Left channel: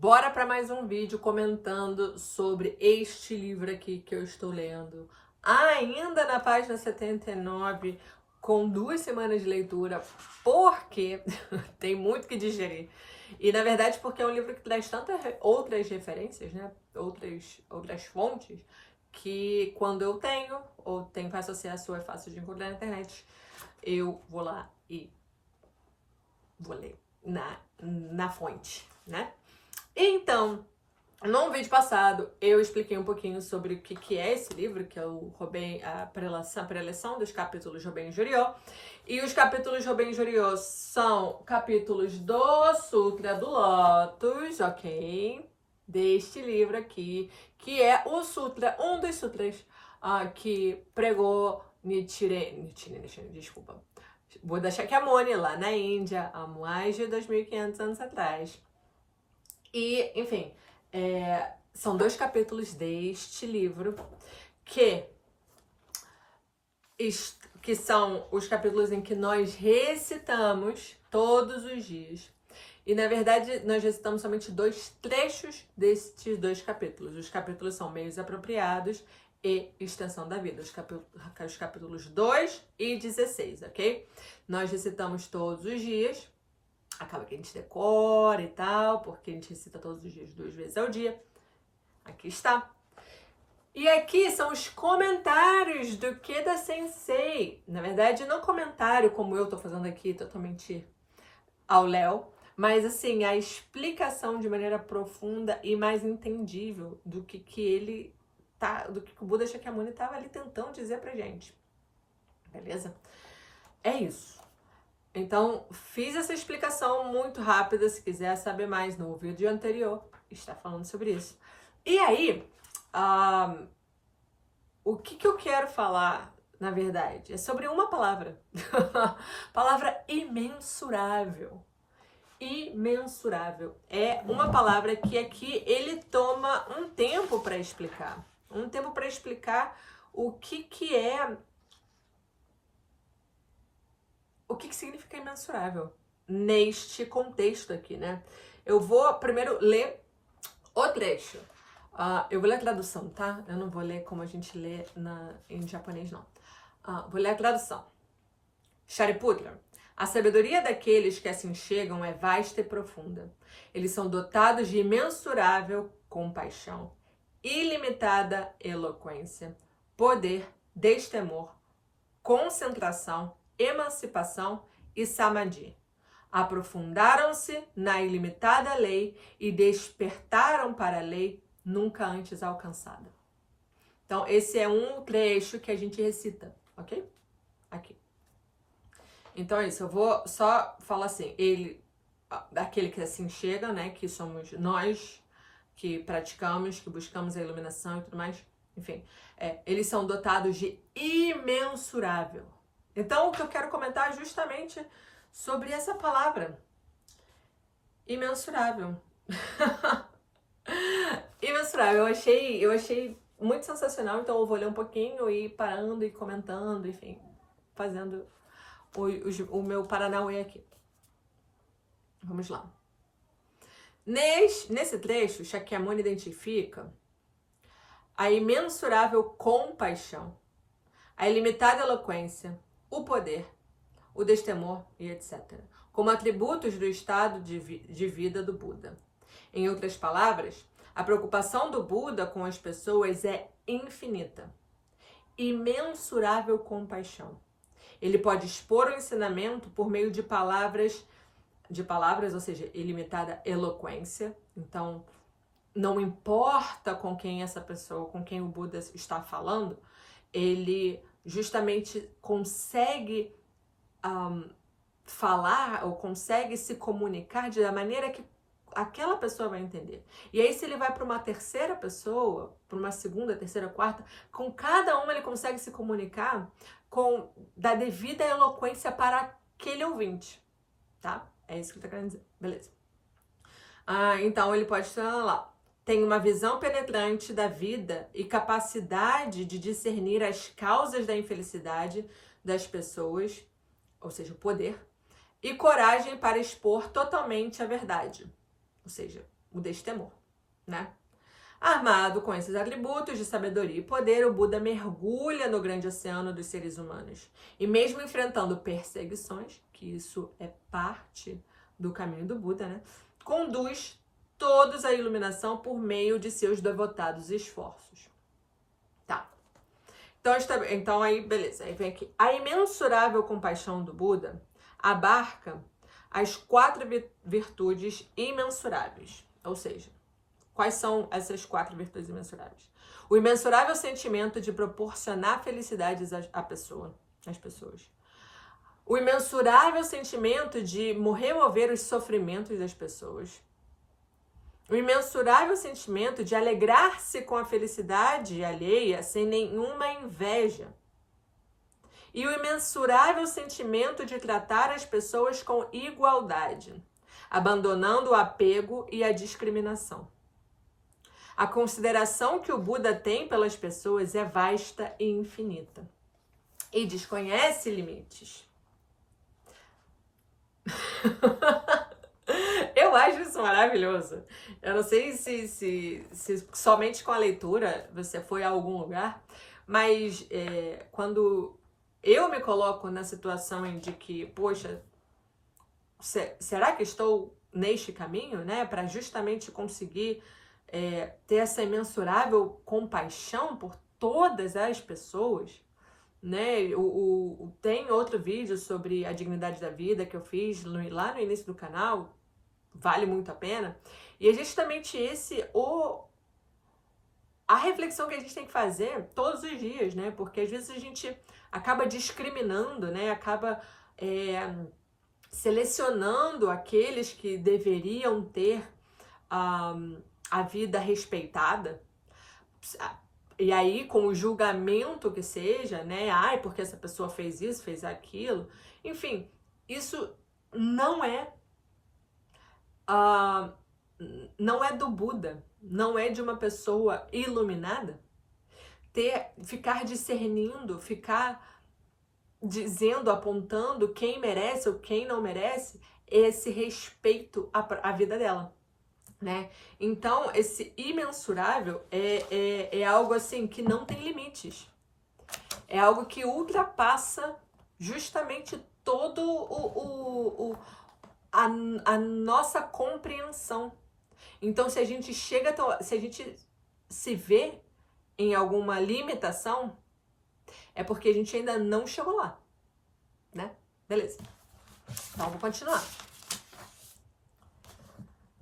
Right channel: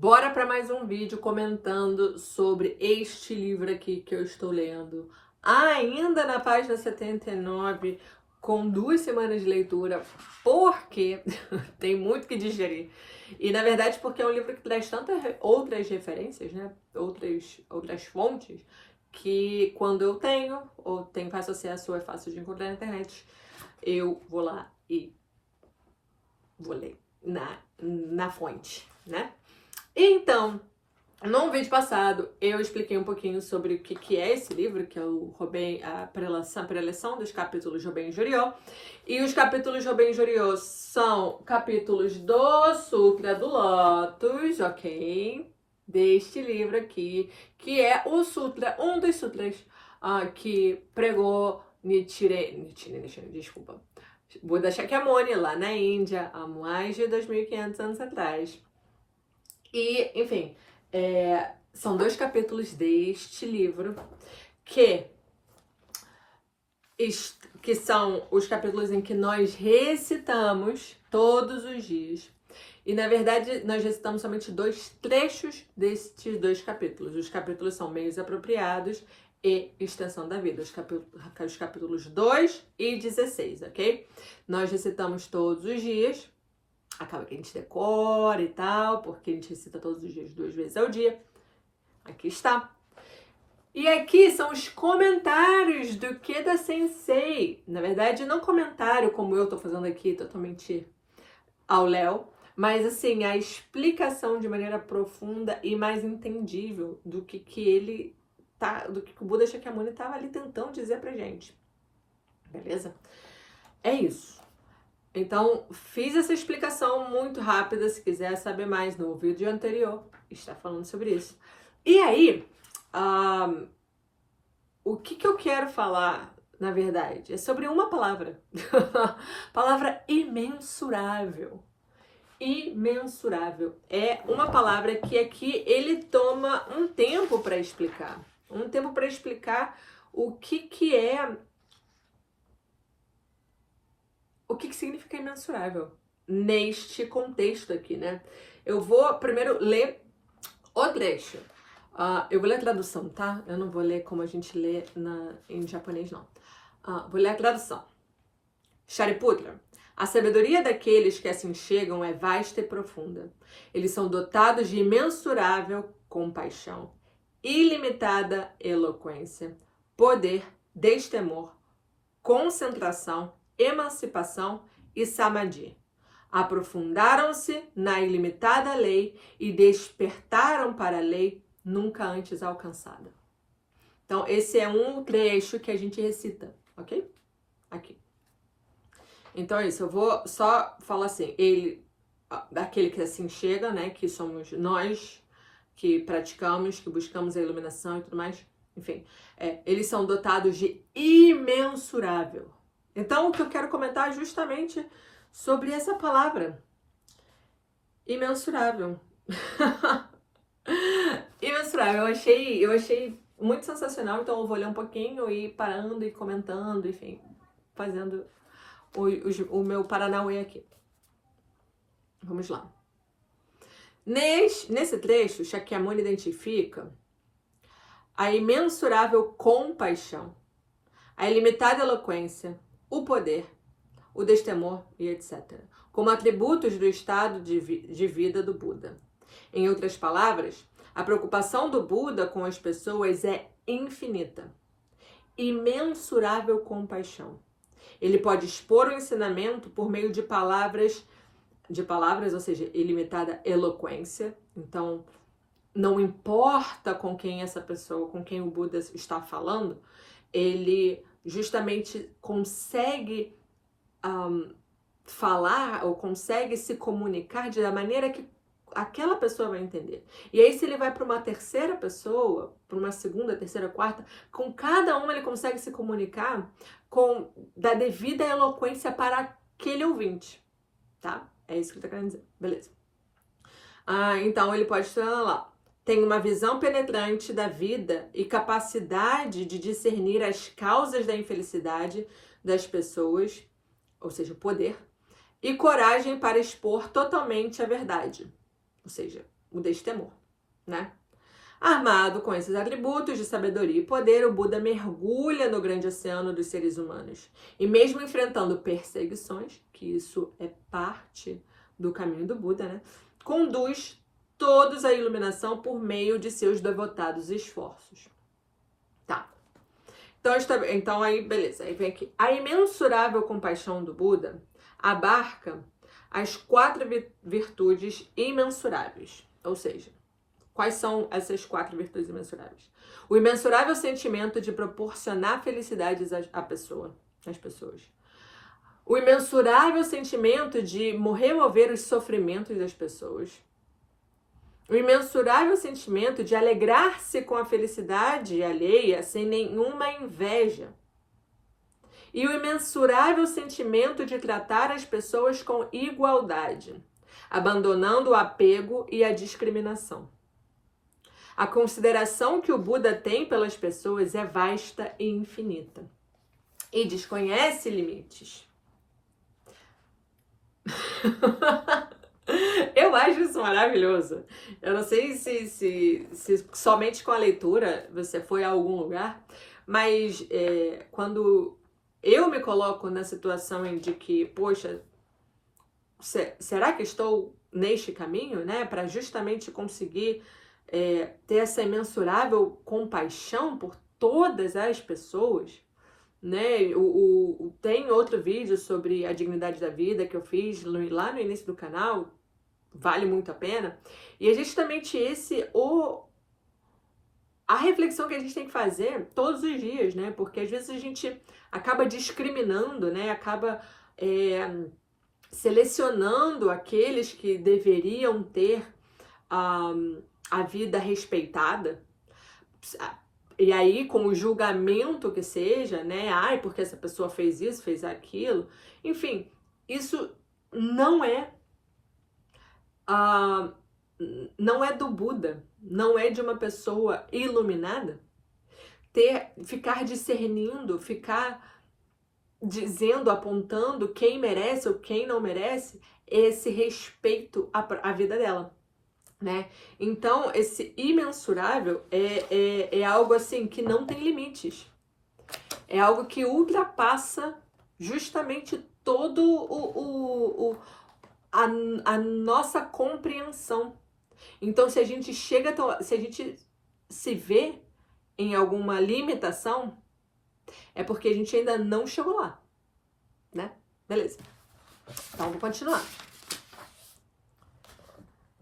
Bora para mais um vídeo comentando sobre este livro aqui que eu estou lendo. Ainda na página 79, com 2 semanas de leitura, porque tem muito que digerir. E na verdade porque é um livro que traz tantas outras referências, né? Outras fontes, que quando eu tenho, ou tenho fácil acesso ou é fácil de encontrar na internet, eu vou lá e vou ler na fonte, né? Então, no vídeo passado, eu expliquei um pouquinho sobre o que é esse livro, que é a preleção dos capítulos Robin e Joriô. E os capítulos Robin e Joriô são capítulos do Sutra do Lótus, ok? Deste livro aqui, que é o sutra, um dos sutras que pregou Nichiren, desculpa, Buda Shakyamuni, lá na Índia, há mais de 2.500 anos atrás. E, enfim, são 2 capítulos deste livro que são os capítulos em que nós recitamos todos os dias. E, na verdade, nós recitamos somente 2 trechos destes 2 capítulos. Os capítulos são meios apropriados e extensão da vida. Os capítulos 2 e 16, ok? Nós recitamos todos os dias. Acaba que a gente decora e tal, porque a gente recita todos os dias 2 vezes ao dia. Aqui está. E aqui são os comentários do Keda Sensei. Na verdade, não comentário como eu tô fazendo aqui, totalmente ao léu, mas assim, a explicação de maneira profunda e mais entendível do que o Buda Shakyamuni estava ali tentando dizer pra gente. Beleza? É isso. Então, fiz essa explicação muito rápida. Se quiser saber mais no vídeo anterior, está falando sobre isso. E aí, o que eu quero falar, na verdade, é sobre uma palavra. Palavra imensurável. Imensurável. É uma palavra que aqui ele toma um tempo para explicar. Um tempo para explicar o que significa imensurável neste contexto aqui, né? Eu vou primeiro ler o trecho. Eu vou ler a tradução, tá? Eu não vou ler como a gente lê em japonês, não. Vou ler a tradução. Shariputra, a sabedoria daqueles que assim chegam é vasta e profunda. Eles são dotados de imensurável compaixão, ilimitada eloquência, poder, destemor, concentração, emancipação e samadhi. Aprofundaram-se na ilimitada lei e despertaram para a lei nunca antes alcançada. Então, esse é um trecho que a gente recita, ok? Aqui. Então é isso, eu vou só falar assim, daquele que assim chega, né, que somos nós, que praticamos, que buscamos a iluminação e tudo mais, enfim, eles são dotados de imensurável. Então, o que eu quero comentar é justamente sobre essa palavra. Imensurável. Imensurável. Eu achei muito sensacional, então eu vou ler um pouquinho e parando e comentando, enfim, fazendo o meu Paranauê aqui. Vamos lá. Nesse trecho, Shakyamuni identifica a imensurável compaixão, a ilimitada eloquência, o poder, o destemor e etc., como atributos do estado de vida do Buda. Em outras palavras, a preocupação do Buda com as pessoas é infinita. Imensurável compaixão. Ele pode expor o ensinamento por meio de palavras, ou seja, ilimitada eloquência. Então, não importa com quem essa pessoa, com quem o Buda está falando, ele justamente consegue falar ou consegue se comunicar da maneira que aquela pessoa vai entender. E aí, se ele vai para uma terceira pessoa, para uma segunda, terceira, quarta, com cada uma ele consegue se comunicar da devida eloquência para aquele ouvinte, tá? É isso que ele tá querendo dizer, beleza. Então, ele pode estar lá. Tem uma visão penetrante da vida e capacidade de discernir as causas da infelicidade das pessoas, ou seja, o poder, e coragem para expor totalmente a verdade. Ou seja, o destemor, né? Armado com esses atributos de sabedoria e poder, o Buda mergulha no grande oceano dos seres humanos. E mesmo enfrentando perseguições, que isso é parte do caminho do Buda, né? Conduz todos à iluminação por meio de seus devotados esforços. Tá. Então aí, beleza. Aí vem aqui. A imensurável compaixão do Buda abarca as 4 virtudes imensuráveis. Ou seja, quais são essas 4 virtudes imensuráveis? O imensurável sentimento de proporcionar felicidades às pessoas. O imensurável sentimento de remover os sofrimentos das pessoas. O imensurável sentimento de alegrar-se com a felicidade alheia sem nenhuma inveja. E o imensurável sentimento de tratar as pessoas com igualdade, abandonando o apego e a discriminação. A consideração que o Buda tem pelas pessoas é vasta e infinita e desconhece limites. Eu acho isso maravilhoso. Eu não sei se somente com a leitura você foi a algum lugar, mas quando eu me coloco na situação de que, poxa, será que estou neste caminho, né? Para justamente conseguir ter essa imensurável compaixão por todas as pessoas, né? Tem outro vídeo sobre a dignidade da vida que eu fiz lá no início do canal, vale muito a pena. E é justamente a reflexão que a gente tem que fazer todos os dias, né? Porque às vezes a gente acaba discriminando, né? Acaba selecionando aqueles que deveriam ter a vida respeitada. E aí, com o julgamento que seja, né? Ai, porque essa pessoa fez isso, fez aquilo. Enfim, isso não é do Buda, não é de uma pessoa iluminada. Ficar discernindo, ficar dizendo, apontando quem merece ou quem não merece esse respeito à vida dela, né? Então, esse imensurável é algo assim que não tem limites. É algo que ultrapassa justamente todo a nossa compreensão. Então, se a gente se vê em alguma limitação, é porque a gente ainda não chegou lá, né? Beleza. Então, vou continuar.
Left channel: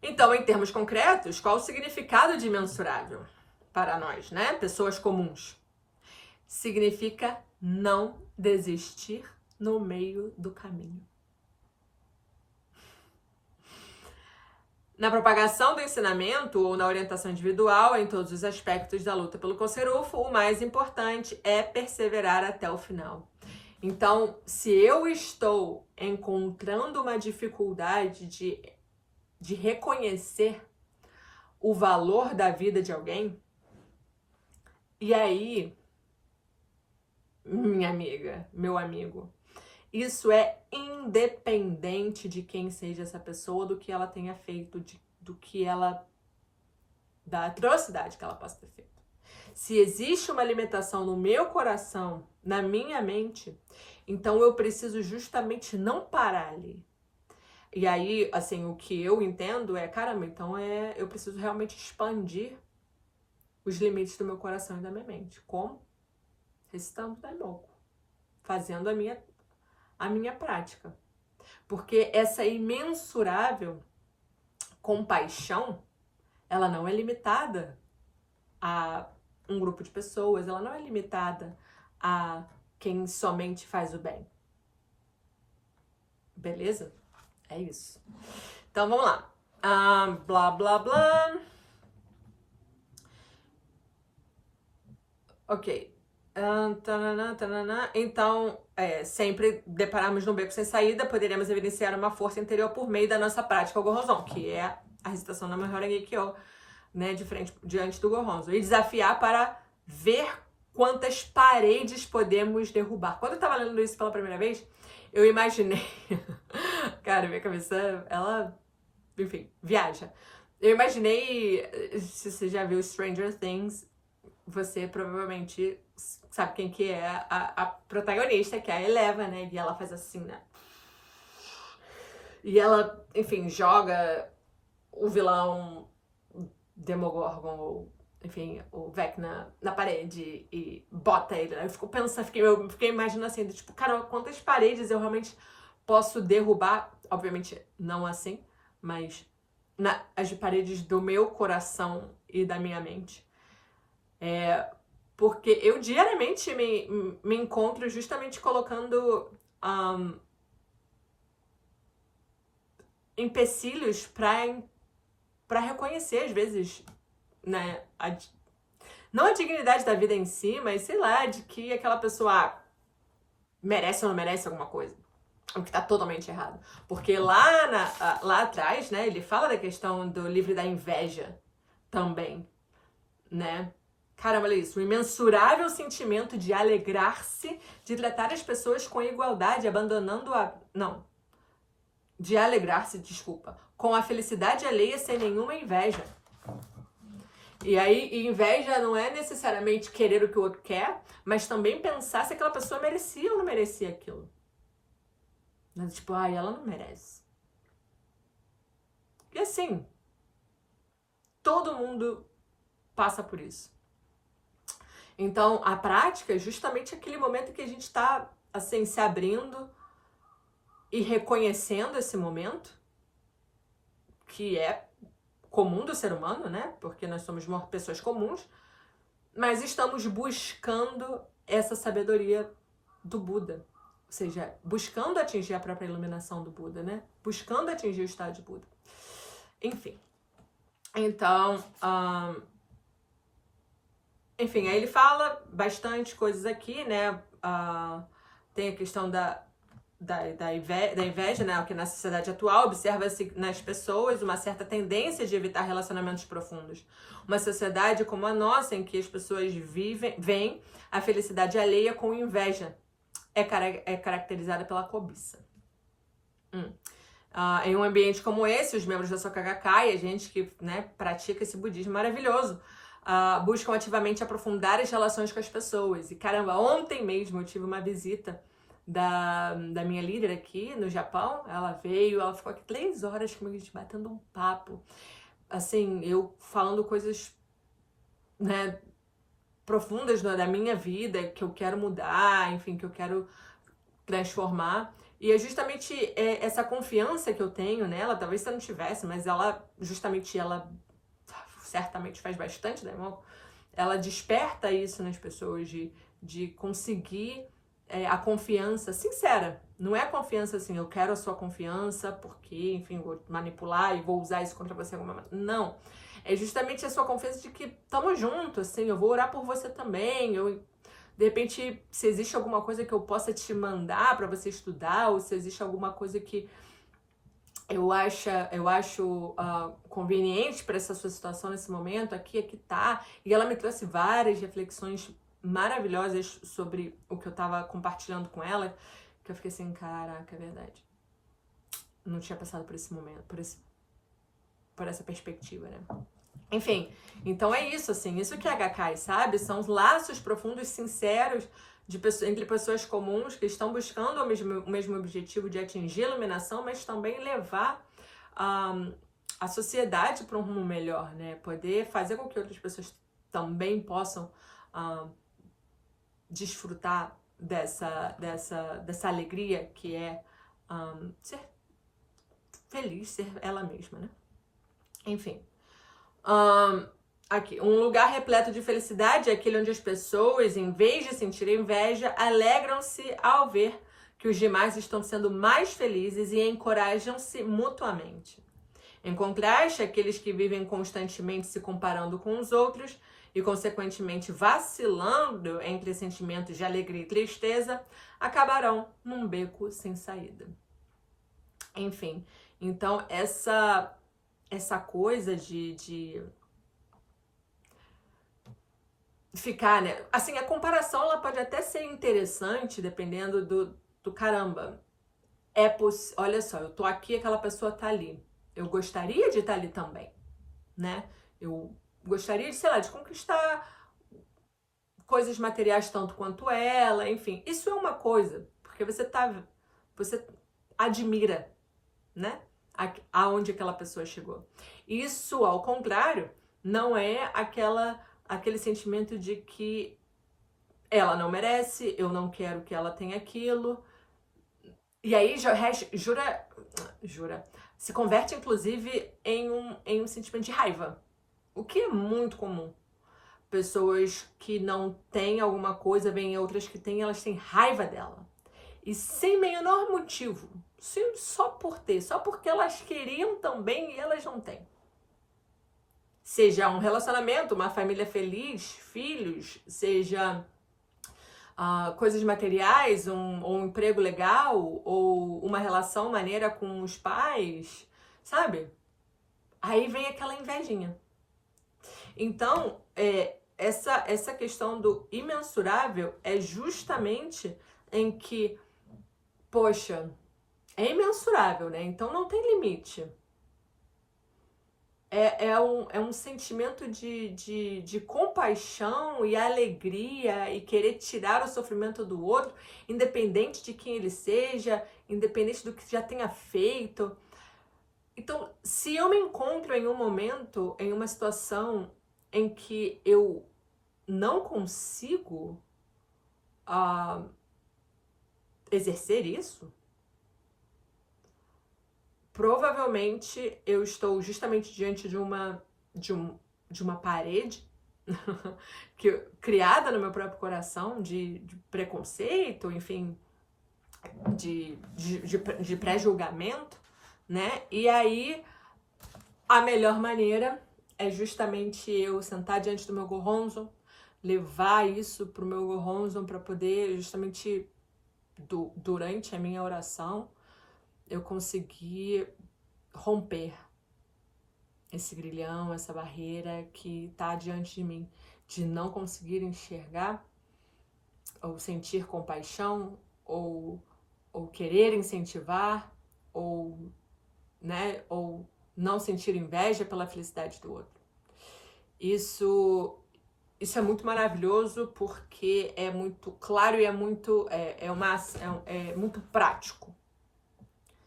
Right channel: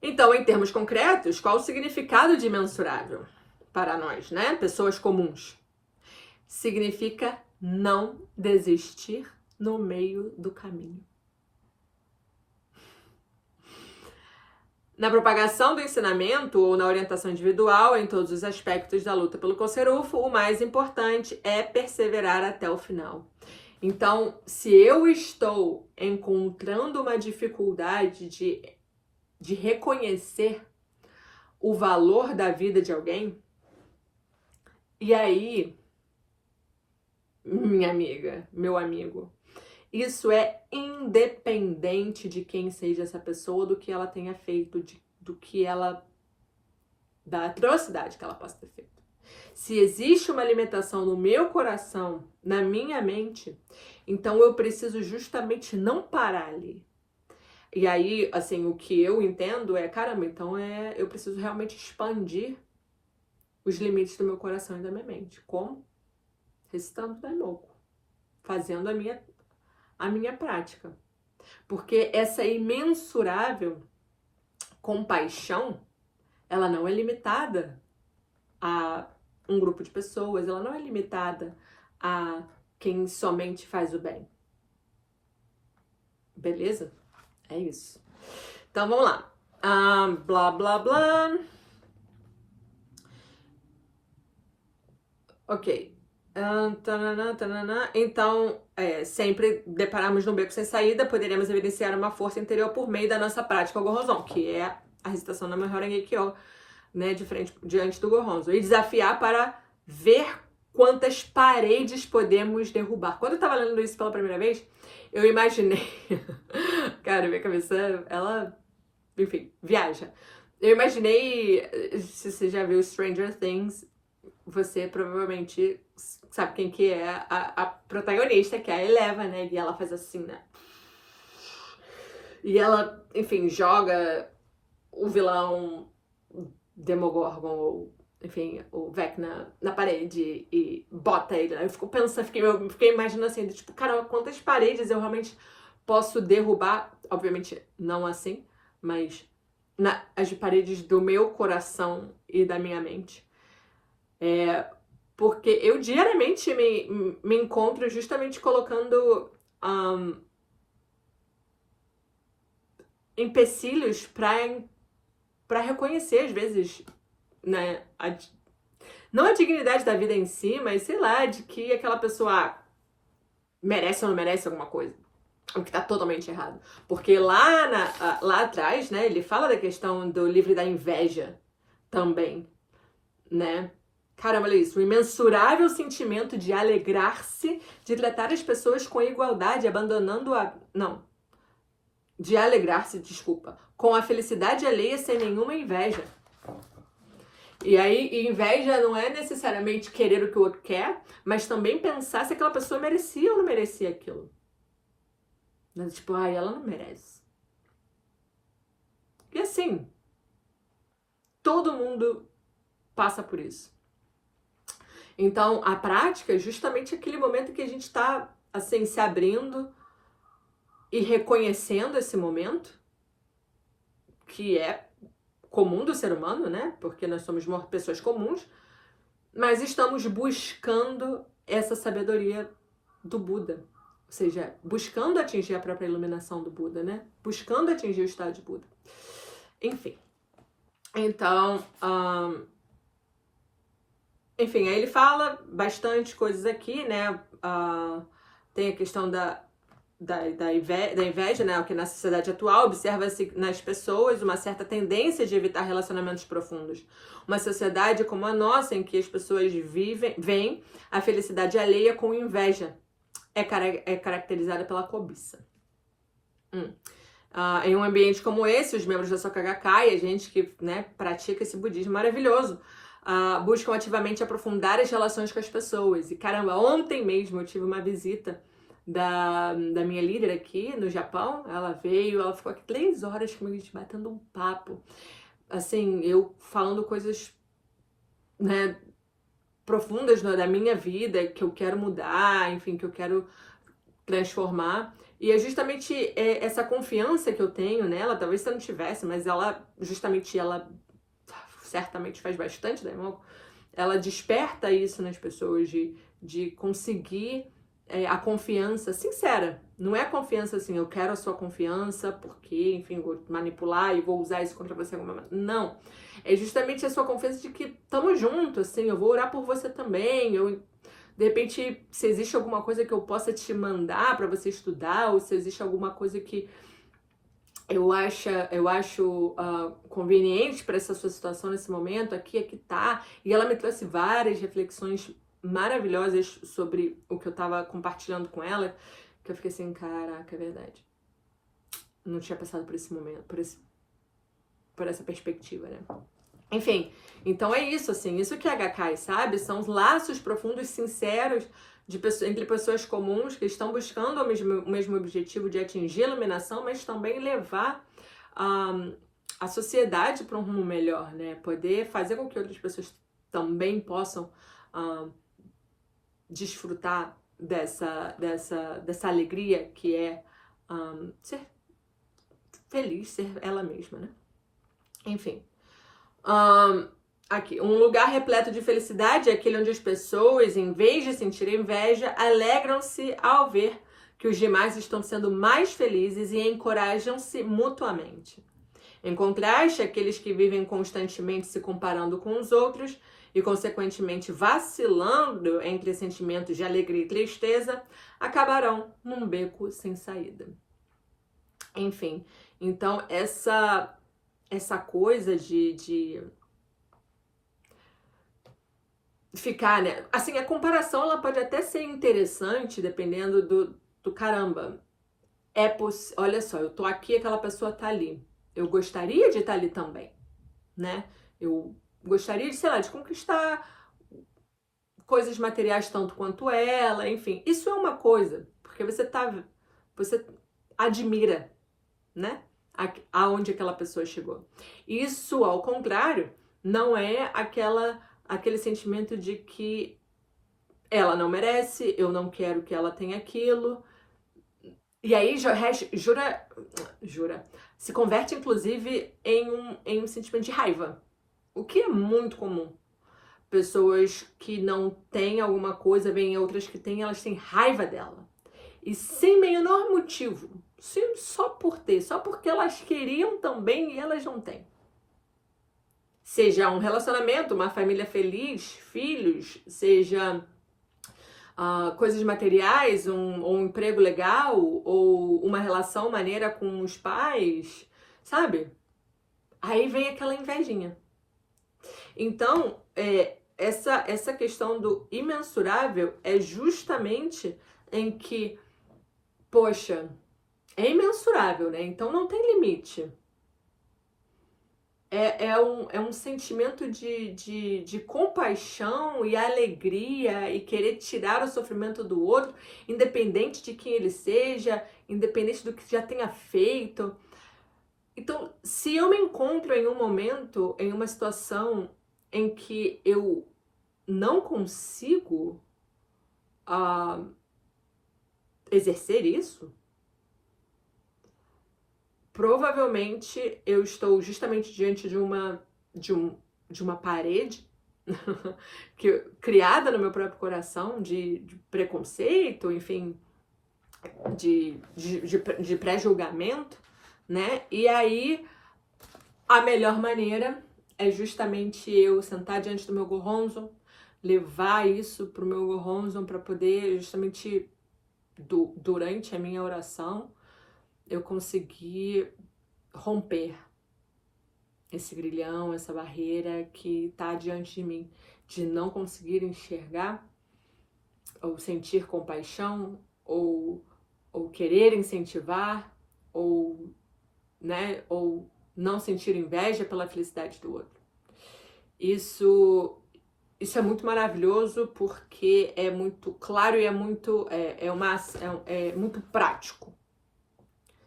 Então, em termos concretos, qual o significado de imensurável para nós, né? Pessoas comuns. Significa não desistir no meio do caminho. Na propagação do ensinamento ou na orientação individual, em todos os aspectos da luta pelo Koserufo, o mais importante é perseverar até o final. Então, se eu estou encontrando uma dificuldade de reconhecer o valor da vida de alguém, e aí, minha amiga, meu amigo, isso é independente de quem seja essa pessoa, do que ela tenha feito, da atrocidade que ela possa ter feito. Se existe uma limitação no meu coração, na minha mente, então eu preciso justamente não parar ali. E aí, assim, o que eu entendo caramba, então eu preciso realmente expandir os limites do meu coração e da minha mente. Como? Recitando Daimoku. Fazendo a minha prática. Porque essa imensurável compaixão, ela não é limitada a um grupo de pessoas, ela não é limitada a quem somente faz o bem. Beleza? É isso. Então, vamos lá. Blá, blá, blá. Ok. Então, sempre deparamos num beco sem saída, poderemos evidenciar uma força interior por meio da nossa prática Gohonzon, que é a recitação da Namyo Kyo, né, diante do Gohonzon, e desafiar para ver quantas paredes podemos derrubar. Quando eu tava lendo isso pela primeira vez, eu imaginei, cara, minha cabeça, ela, enfim, viaja. Eu imaginei, se você já viu Stranger Things, você provavelmente sabe quem que é a protagonista, que é a Eleven, né? E ela faz assim, né? E ela, enfim, joga o vilão Demogorgon, ou enfim, o Vecna na parede e bota ele. Eu fico pensando, fiquei imaginando assim, tipo, cara, quantas paredes eu realmente posso derrubar? Obviamente não assim, mas as paredes do meu coração e da minha mente. Porque eu diariamente me encontro justamente colocando empecilhos para reconhecer, às vezes, né, não a dignidade da vida em si, mas sei lá, de que aquela pessoa merece ou não merece alguma coisa. O que tá totalmente errado. Porque lá atrás, né, ele fala da questão do livro da inveja também, né? Caramba, olha isso. O imensurável sentimento de alegrar-se, de tratar as pessoas com igualdade, abandonando a... Não. De alegrar-se, desculpa. Com a felicidade alheia sem nenhuma inveja. E aí, inveja não é necessariamente querer o que o outro quer, mas também pensar se aquela pessoa merecia ou não merecia aquilo. Tipo, ai, ela não merece. E assim, todo mundo passa por isso. Então, a prática é justamente aquele momento que a gente está, assim, se abrindo e reconhecendo esse momento, que é comum do ser humano, né? Porque nós somos pessoas comuns, mas estamos buscando essa sabedoria do Buda. Ou seja, buscando atingir a própria iluminação do Buda, né? Buscando atingir o estado de Buda. Enfim. Então, enfim, aí ele fala bastante coisas aqui, né? Tem a questão da inveja, né? O que na sociedade atual observa-se nas pessoas uma certa tendência de evitar relacionamentos profundos. Uma sociedade como a nossa, em que as pessoas veem a felicidade alheia com inveja, é caracterizada pela cobiça. Em um ambiente como esse, os membros da Soka Gakkai, a gente que, né, pratica esse budismo maravilhoso, buscam ativamente aprofundar as relações com as pessoas. E caramba, ontem mesmo eu tive uma visita da minha líder aqui no Japão. Ela veio, ela ficou aqui 3 horas comigo, a gente batendo um papo. Assim, eu falando coisas, né, profundas da minha vida, que eu quero mudar, enfim, que eu quero transformar. E é justamente essa confiança que eu tenho nela, talvez se eu não tivesse, mas ela certamente faz bastante, né, irmão? Ela desperta isso nas pessoas, de conseguir a confiança sincera. Não é a confiança assim, eu quero a sua confiança porque, enfim, vou manipular e vou usar isso contra você alguma maneira. Não. É justamente a sua confiança de que estamos juntos, assim, eu vou orar por você também, de repente, se existe alguma coisa que eu possa te mandar para você estudar, ou se existe alguma coisa que eu acho conveniente para essa sua situação nesse momento, aqui tá. E ela me trouxe várias reflexões maravilhosas sobre o que eu tava compartilhando com ela, que eu fiquei assim, caraca, é verdade. Não tinha passado por esse momento, por essa perspectiva, né? Enfim, então é isso, assim, isso que é Gakkai, sabe? São laços profundos, sinceros, entre pessoas comuns que estão buscando o mesmo objetivo de atingir a iluminação, mas também levar a sociedade para um rumo melhor, né? Poder fazer com que outras pessoas também possam desfrutar dessa alegria que é ser feliz, ser ela mesma, né? Enfim. Aqui, um lugar repleto de felicidade é aquele onde as pessoas, em vez de sentir inveja, alegram-se ao ver que os demais estão sendo mais felizes e encorajam-se mutuamente. Em contraste, aqueles que vivem constantemente se comparando com os outros e, consequentemente, vacilando entre sentimentos de alegria e tristeza, acabarão num beco sem saída. Enfim, então essa coisa de ficar, né? Assim, a comparação ela pode até ser interessante, dependendo do caramba. Olha só, eu tô aqui, aquela pessoa tá ali. Eu gostaria de estar ali também. né? Eu gostaria de, sei lá, de conquistar coisas materiais tanto quanto ela, enfim. Isso é uma coisa, porque você admira, né? Aonde aquela pessoa chegou. Isso, ao contrário, não é aquele sentimento de que ela não merece, eu não quero que ela tenha aquilo. E aí se converte inclusive em um sentimento de raiva, o que é muito comum. Pessoas que não têm alguma coisa, veem outras que têm, elas têm raiva dela. E sem menor motivo, sim, só por ter, só porque elas queriam também e elas não têm. Seja um relacionamento, uma família feliz, filhos, seja coisas materiais, ou um emprego legal, ou uma relação maneira com os pais, sabe? Aí vem aquela invejinha. Então, essa questão do imensurável é justamente em que, poxa, é imensurável, né? Então não tem limite. É um sentimento de compaixão e alegria e querer tirar o sofrimento do outro, independente de quem ele seja, independente do que já tenha feito. Então, se eu me encontro em um momento, em uma situação em que eu não consigo exercer isso, provavelmente eu estou justamente diante de uma parede criada no meu próprio coração de preconceito, enfim, de pré-julgamento, né? E aí a melhor maneira é justamente eu sentar diante do meu gorronzo, levar isso pro meu gorronzo para poder justamente durante a minha oração eu conseguir romper esse grilhão, essa barreira que está diante de mim, de não conseguir enxergar ou sentir compaixão ou querer incentivar ou, né, ou não sentir inveja pela felicidade do outro. Isso é muito maravilhoso porque é muito claro e é muito muito prático.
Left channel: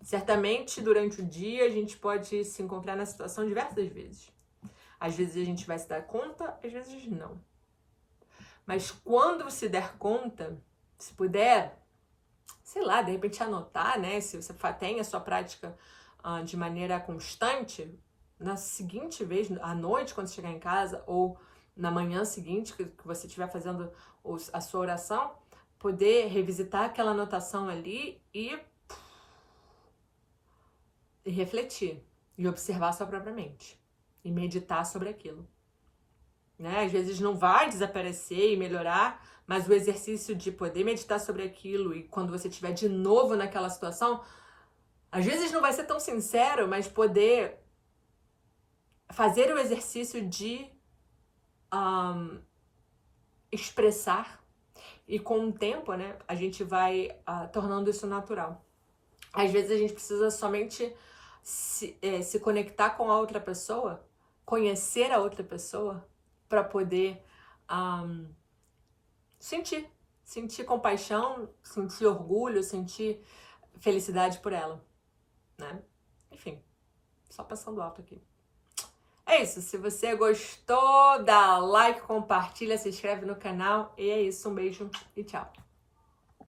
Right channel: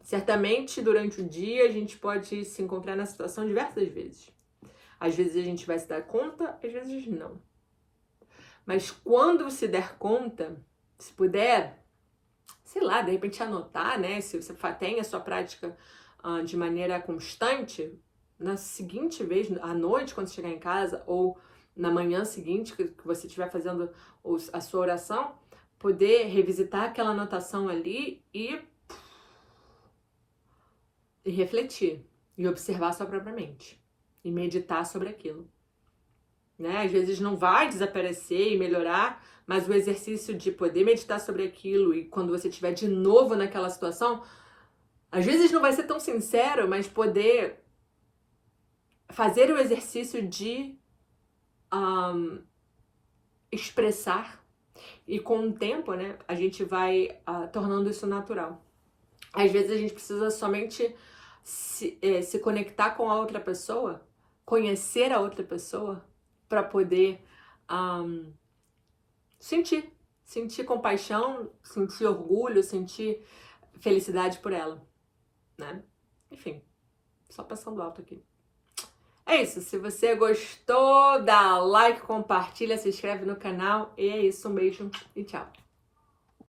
Certamente, durante o dia, a gente pode se encontrar na situação diversas vezes. Às vezes a gente vai se dar conta, às vezes não. Mas quando se der conta, se puder, sei lá, de repente anotar, né? Se você tem a sua prática de maneira constante, na seguinte vez, à noite, quando chegar em casa, ou na manhã seguinte, que você estiver fazendo a sua oração, poder revisitar aquela anotação ali e refletir e observar sua própria mente e meditar sobre aquilo, né? Às vezes não vai desaparecer e melhorar, mas o exercício de poder meditar sobre aquilo e quando você estiver de novo naquela situação, às vezes não vai ser tão sincero, mas poder fazer o exercício de expressar e com o tempo, né, a gente vai tornando isso natural. Às vezes a gente precisa somente se conectar com a outra pessoa, conhecer a outra pessoa, para poder sentir compaixão, sentir orgulho, sentir felicidade por ela, né? Enfim, só passando alto aqui. É isso, se você gostou, dá like, compartilha, se inscreve no canal e é isso, um beijo e tchau!